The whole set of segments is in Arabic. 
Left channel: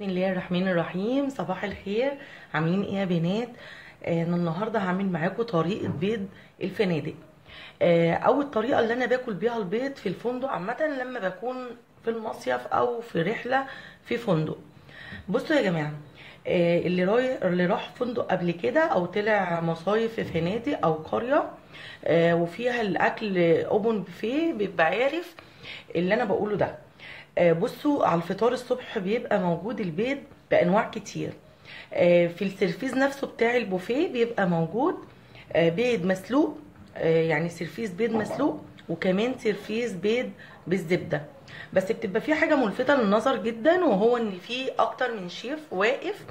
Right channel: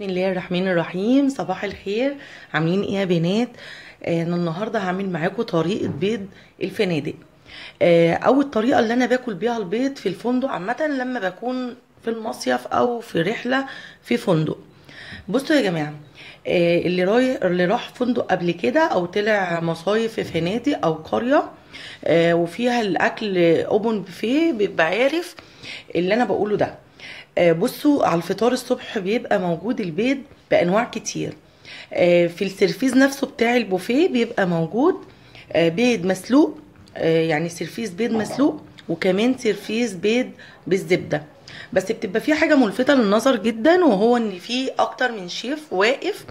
بسم الله الرحمن الرحيم. صباح الخير، عاملين ايه يا بنات؟ انا النهارده هعمل معاكم طريقه بيض الفنادق. اول طريقه اللي انا باكل بيها البيض في الفندق عامه لما بكون في المصيف او في رحله في فندق. بصوا يا جماعه، اللي راح فندق قبل كده او طلع مصايف في فنادق او قريه وفيها الاكل اوبن بوفيه بيبقى عارف اللي انا بقوله ده. بصوا، على الفطار الصبح بيبقى موجود البيض بانواع كتير. في السيرفيز نفسه بتاع البوفيه بيبقى موجود بيض مسلوق، يعني سيرفيس بيض مسلوق، وكمان سيرفيس بيض بالزبده. بس بتبقى في حاجه ملفته للنظر جدا، وهو ان في اكتر من شيف واقف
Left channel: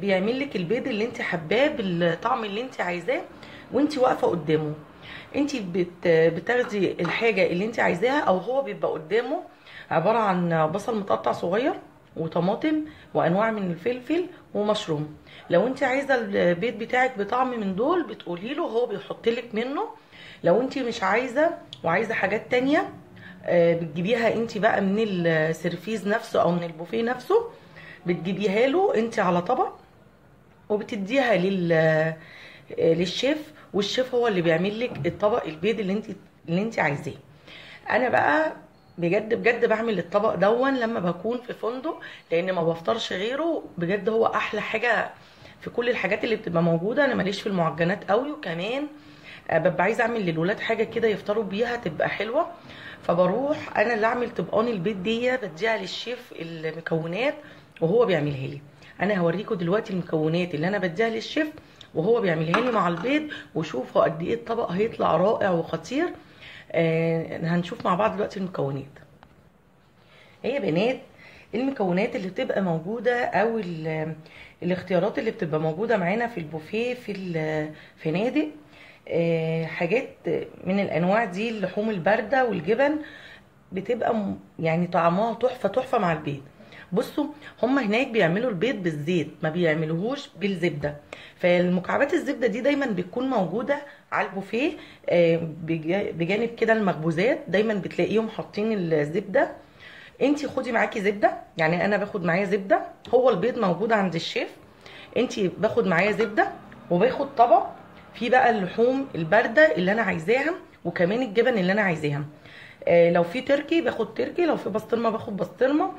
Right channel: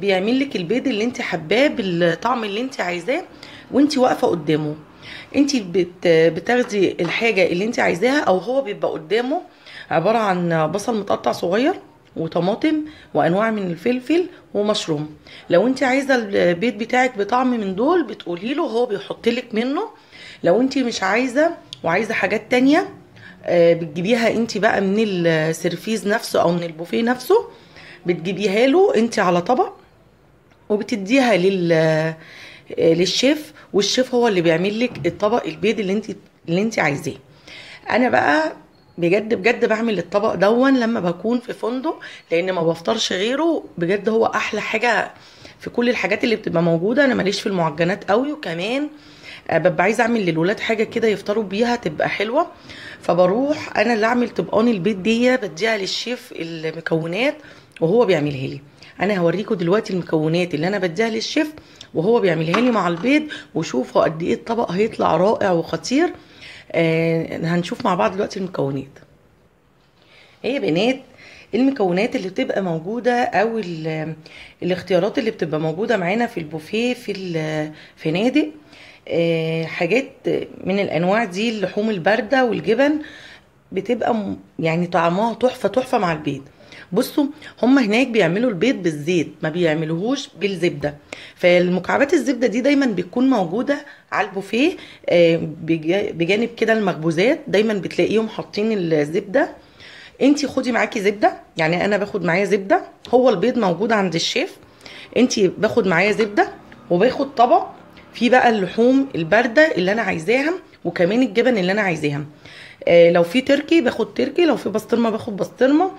بيعمل لك البيض اللي انت حباه بالطعم اللي انت عايزاه وانت واقفه قدامه. انت بتاخدي الحاجه اللي انت عايزاها، او هو بيبقى قدامه عباره عن بصل متقطع صغير وطماطم وانواع من الفلفل ومشروم. لو انت عايزه البيض بتاعك بطعم من دول بتقولي له، هو بيحط لك منه. لو انت مش عايزه وعايزه حاجات تانية بتجيبيها انت بقى من السيرفيز نفسه او من البوفيه نفسه، بتجيبيها له انت على طبق وبتديها للشيف، والشيف هو اللي بيعمل لك الطبق البيض اللي انت عايزاه. انا بقى بجد بجد بعمل الطبق دون لما بكون في فندق، لان ما بفطرش غيره. بجد هو احلى حاجه في كل الحاجات اللي بتبقى موجوده. انا ماليش في المعجنات قوي، وكمان ببقى عايزه اعمل للولاد حاجه كده يفطروا بيها تبقى حلوه. فبروح انا اللي اعمل طبقان البيض دي، بديها للشيف المكونات وهو بيعملها لي. انا هوريكم دلوقتي المكونات اللي انا بديها للشيف وهو بيعملها لي مع البيض، وشوفوا قد ايه الطبق هيطلع رائع وخطير. هنشوف مع بعض دلوقتي المكونات. هي يا بنات، المكونات اللي بتبقى موجودة او الاختيارات اللي بتبقى موجودة معانا في البوفيه في الفنادق، حاجات من الانواع دي. اللحوم الباردة والجبن بتبقى يعني طعمها تحفة تحفة مع البيض. بصوا، هم هناك بيعملوا البيض بالزيت، ما بيعملوهوش بالزبدة. فالمكعبات الزبدة دي دايما بتكون موجودة على البوفيه بجانب كده المخبوزات، دايما بتلاقيهم حاطين الزبدة. انتي خدي معاكي زبدة، يعني انا باخد معايا زبدة. هو البيض موجود عند الشيف، انتي باخد معايا زبدة وباخد طبق فيه بقى اللحوم الباردة اللي انا عايزاها، وكمان الجبن اللي انا عايزاها. لو في تركي باخد تركي، لو في بسطرمه باخد بسطرمه،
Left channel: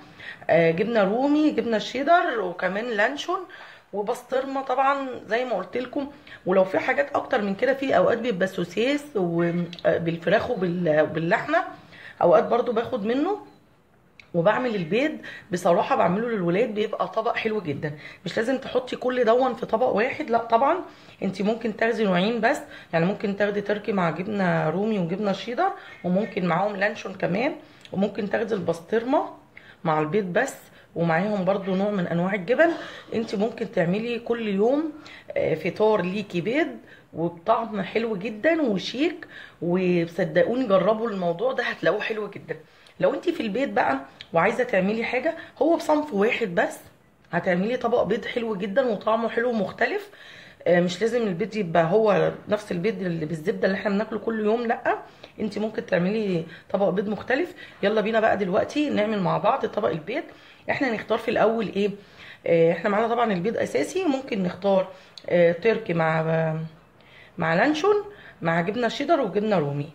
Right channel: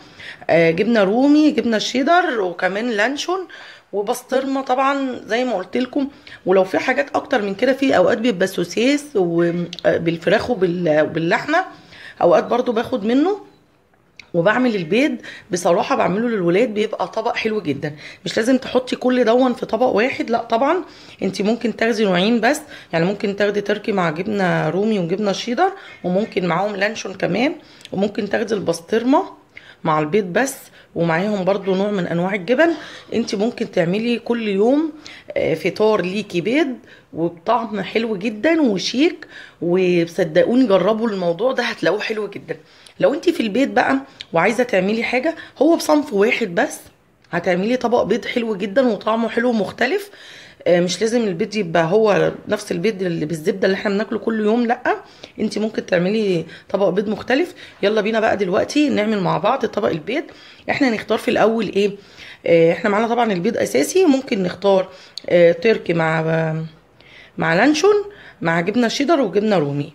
جبنه رومي، جبنه شيدر، وكمان لانشون وبسطرمه طبعا زي ما قلت لكم. ولو في حاجات اكتر من كده، في اوقات بيبقى سوسيس وبالفراخ وباللحمه، اوقات برضو باخد منه وبعمل البيض. بصراحه بعمله للولاد بيبقى طبق حلو جدا. مش لازم تحطي كل دون في طبق واحد، لا طبعا. انت ممكن تاخدي نوعين بس، يعني ممكن تاخدي تركي مع جبنه رومي وجبنه شيدر، وممكن معاهم لانشون كمان، وممكن تاخدي البسطرمه مع البيض بس، ومعاهم برضو نوع من انواع الجبن. انت ممكن تعملي كل يوم فطار ليكي بيض وبطعم حلو جدا وشيك. وصدقوني جربوا الموضوع ده هتلاقوه حلو جدا. لو انت في البيت بقى وعايزه تعملي حاجه هو بصنف واحد بس، هتعملي طبق بيض حلو جدا وطعمه حلو ومختلف. مش لازم البيض يبقى هو نفس البيض اللي بالزبده اللي احنا بناكله كل يوم، لا. انت ممكن تعملي طبق بيض مختلف. يلا بينا بقى دلوقتي نعمل مع بعض طبق البيض. احنا نختار في الاول ايه؟ احنا معانا طبعا البيض اساسي، ممكن نختار تركي مع لانشون مع جبنه شيدر وجبنه رومي.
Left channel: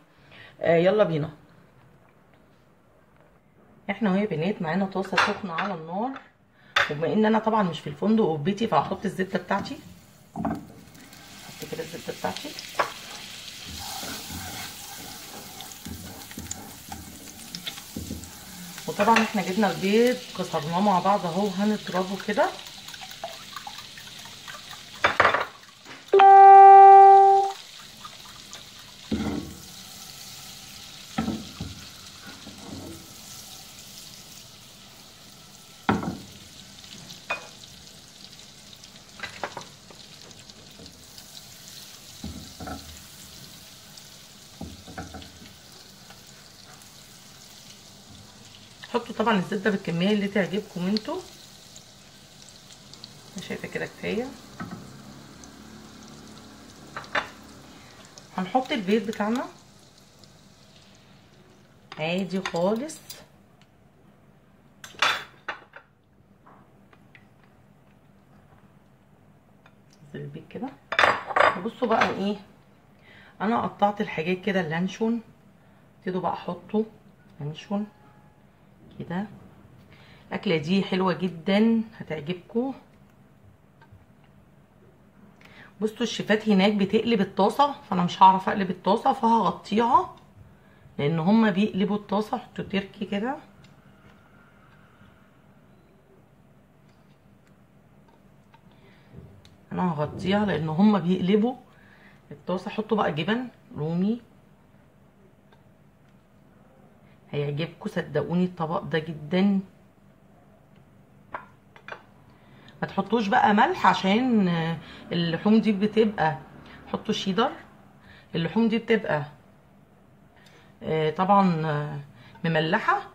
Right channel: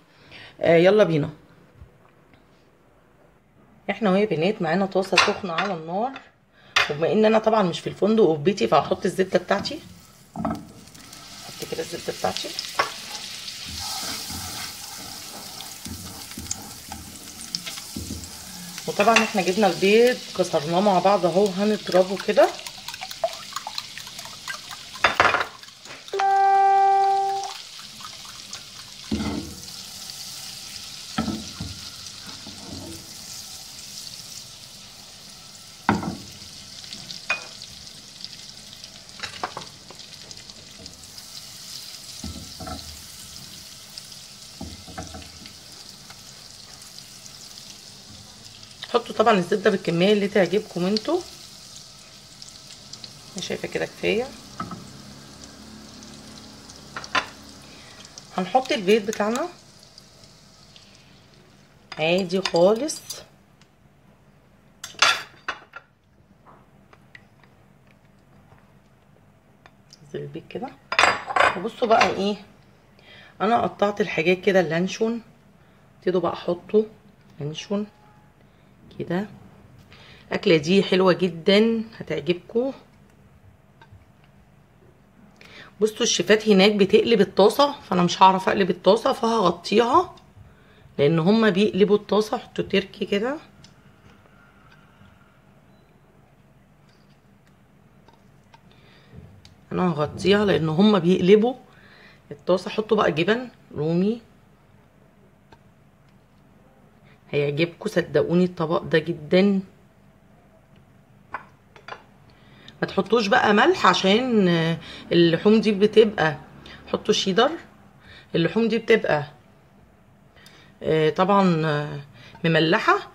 يلا بينا. احنا وهي بنات معانا طاسه سخنه على النار، وبما ان انا طبعا مش في الفندق وفي بيتي فهحط الزبده بتاعتي. احط كده الزبده بتاعتي، وطبعا احنا جبنا البيض كسرناه مع بعض اهو، هنضربه كده. حطوا طبعا الزبده بالكميه اللي تعجبكم انتوا، انا شايفه كده كفايه. هنحط البيض بتاعنا عادي خالص، البيض كده. وبصوا بقى ايه، انا قطعت الحاجات كده، اللانشون ابتدوا بقى احطه لانشون كده. الاكله دي حلوه جدا هتعجبكم. بصوا الشيفات هناك بتقلب الطاسه، فانا مش هعرف اقلب الطاسه فهغطيها، لان هما بيقلبوا الطاسه. حطوا تركي كده. انا هغطيها لان هما بيقلبوا الطاسه. حطوا بقى جبن رومي، هيعجبكم صدقوني الطبق ده جدا. ما تحطوش بقى ملح عشان اللحوم دي بتبقى، حطوا شيدر. اللحوم دي بتبقى طبعا مملحه،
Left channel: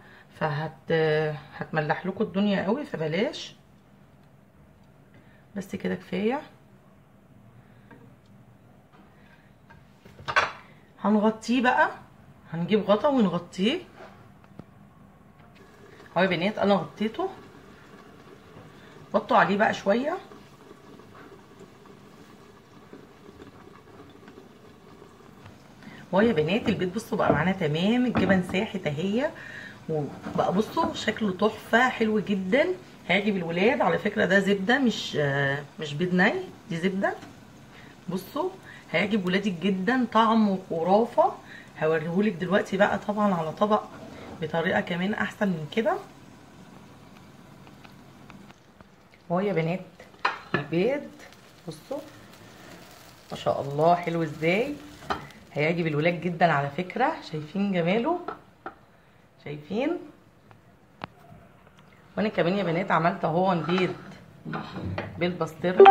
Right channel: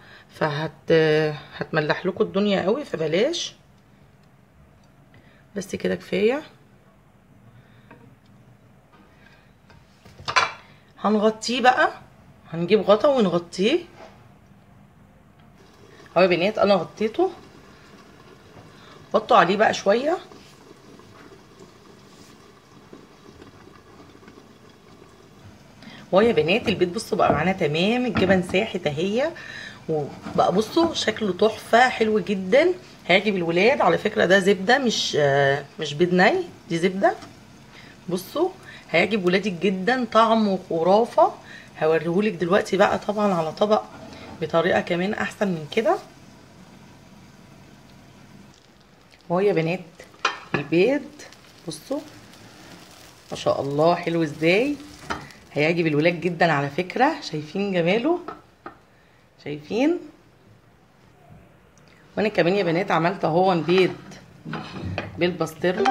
هتملح لكم الدنيا قوي، فبلاش. بس كده كفايه. هنغطيه بقى، هنجيب غطا ونغطيه اهو يا بنات. انا غطيته، حطوا عليه بقى شويه. يا بنات البيض بصوا بقى معانا تمام، الجبن ساحت اهي، وبقى بصوا شكله تحفه حلو جدا، هيعجب الولاد. على فكره ده زبده، مش بيض ني، دي زبده. بصوا هيعجب ولادك جدا، طعمه خرافه. هوريهولك دلوقتي بقى طبعا على طبق بطريقه كمان احسن من كده. يا بنات البيض بصوا ما شاء الله حلو ازاي، هيعجب الولاد جدا على فكره. شايفين جماله؟ شايفين؟ وانا كمان يا بنات عملت اهو بيض بالبسطرمه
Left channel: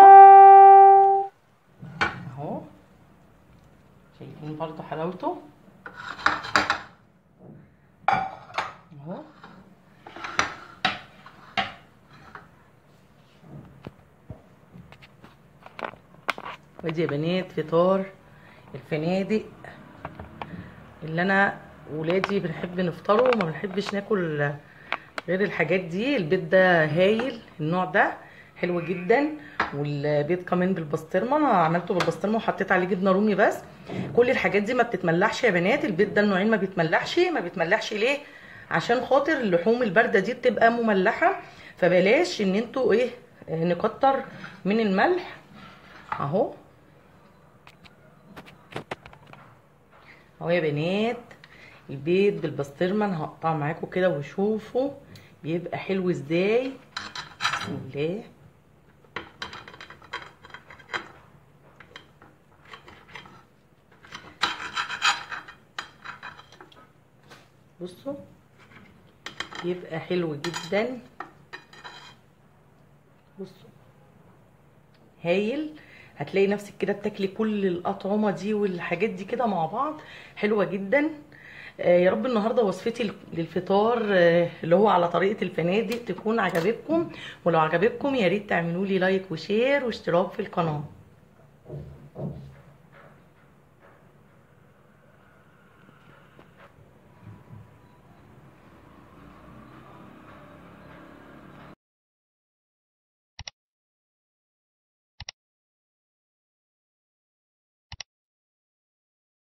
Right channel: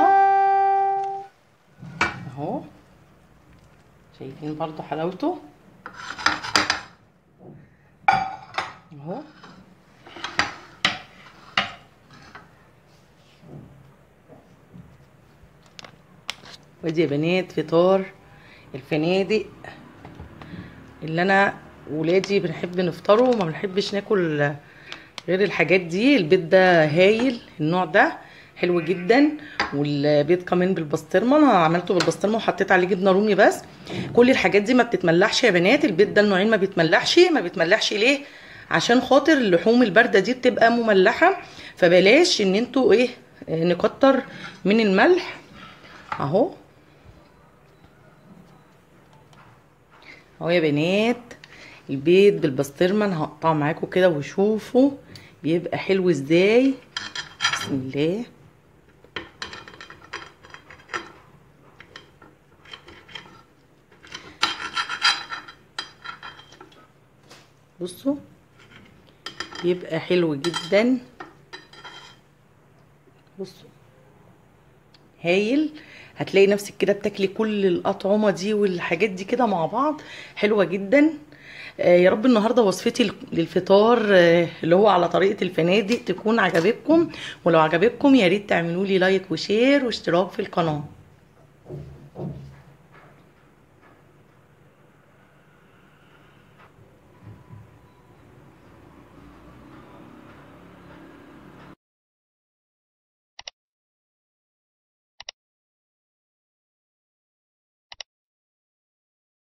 اهو. شايفين برضو حلاوته اهو. ودي يا بنات فطار الفنادق اللي انا ولادي بنحب نفطره، وما بنحبش ناكل غير الحاجات دي. البيض ده هايل، النوع ده حلو جدا. والبيض كمان بالبسطرمه، انا عملته بالبسطرمه وحطيت عليه جبنه رومي. بس كل الحاجات دي ما بتتملحش يا بنات. البيض ده النوعين ما بيتملحش ليه؟ عشان خاطر اللحوم البارده دي بتبقى مملحه، فبلاش ان انتوا ايه نكتر من الملح اهو. يا بنات البيض بالبسطرمه انا هقطعه معاكم كده وشوفوا بيبقى حلو ازاي. بسم الله. بصوا بيبقى حلو جدا. بصوا هايل. هتلاقي نفسك كده بتاكلي كل الاطعمه دي والحاجات دي كده مع بعض، حلوه جدا. يا رب النهارده وصفتي للفطار اللي هو على طريقه الفنادق تكون عجبتكم. ولو عجبتكم يا ريت تعملوا لي لايك وشير واشتراك في القناه.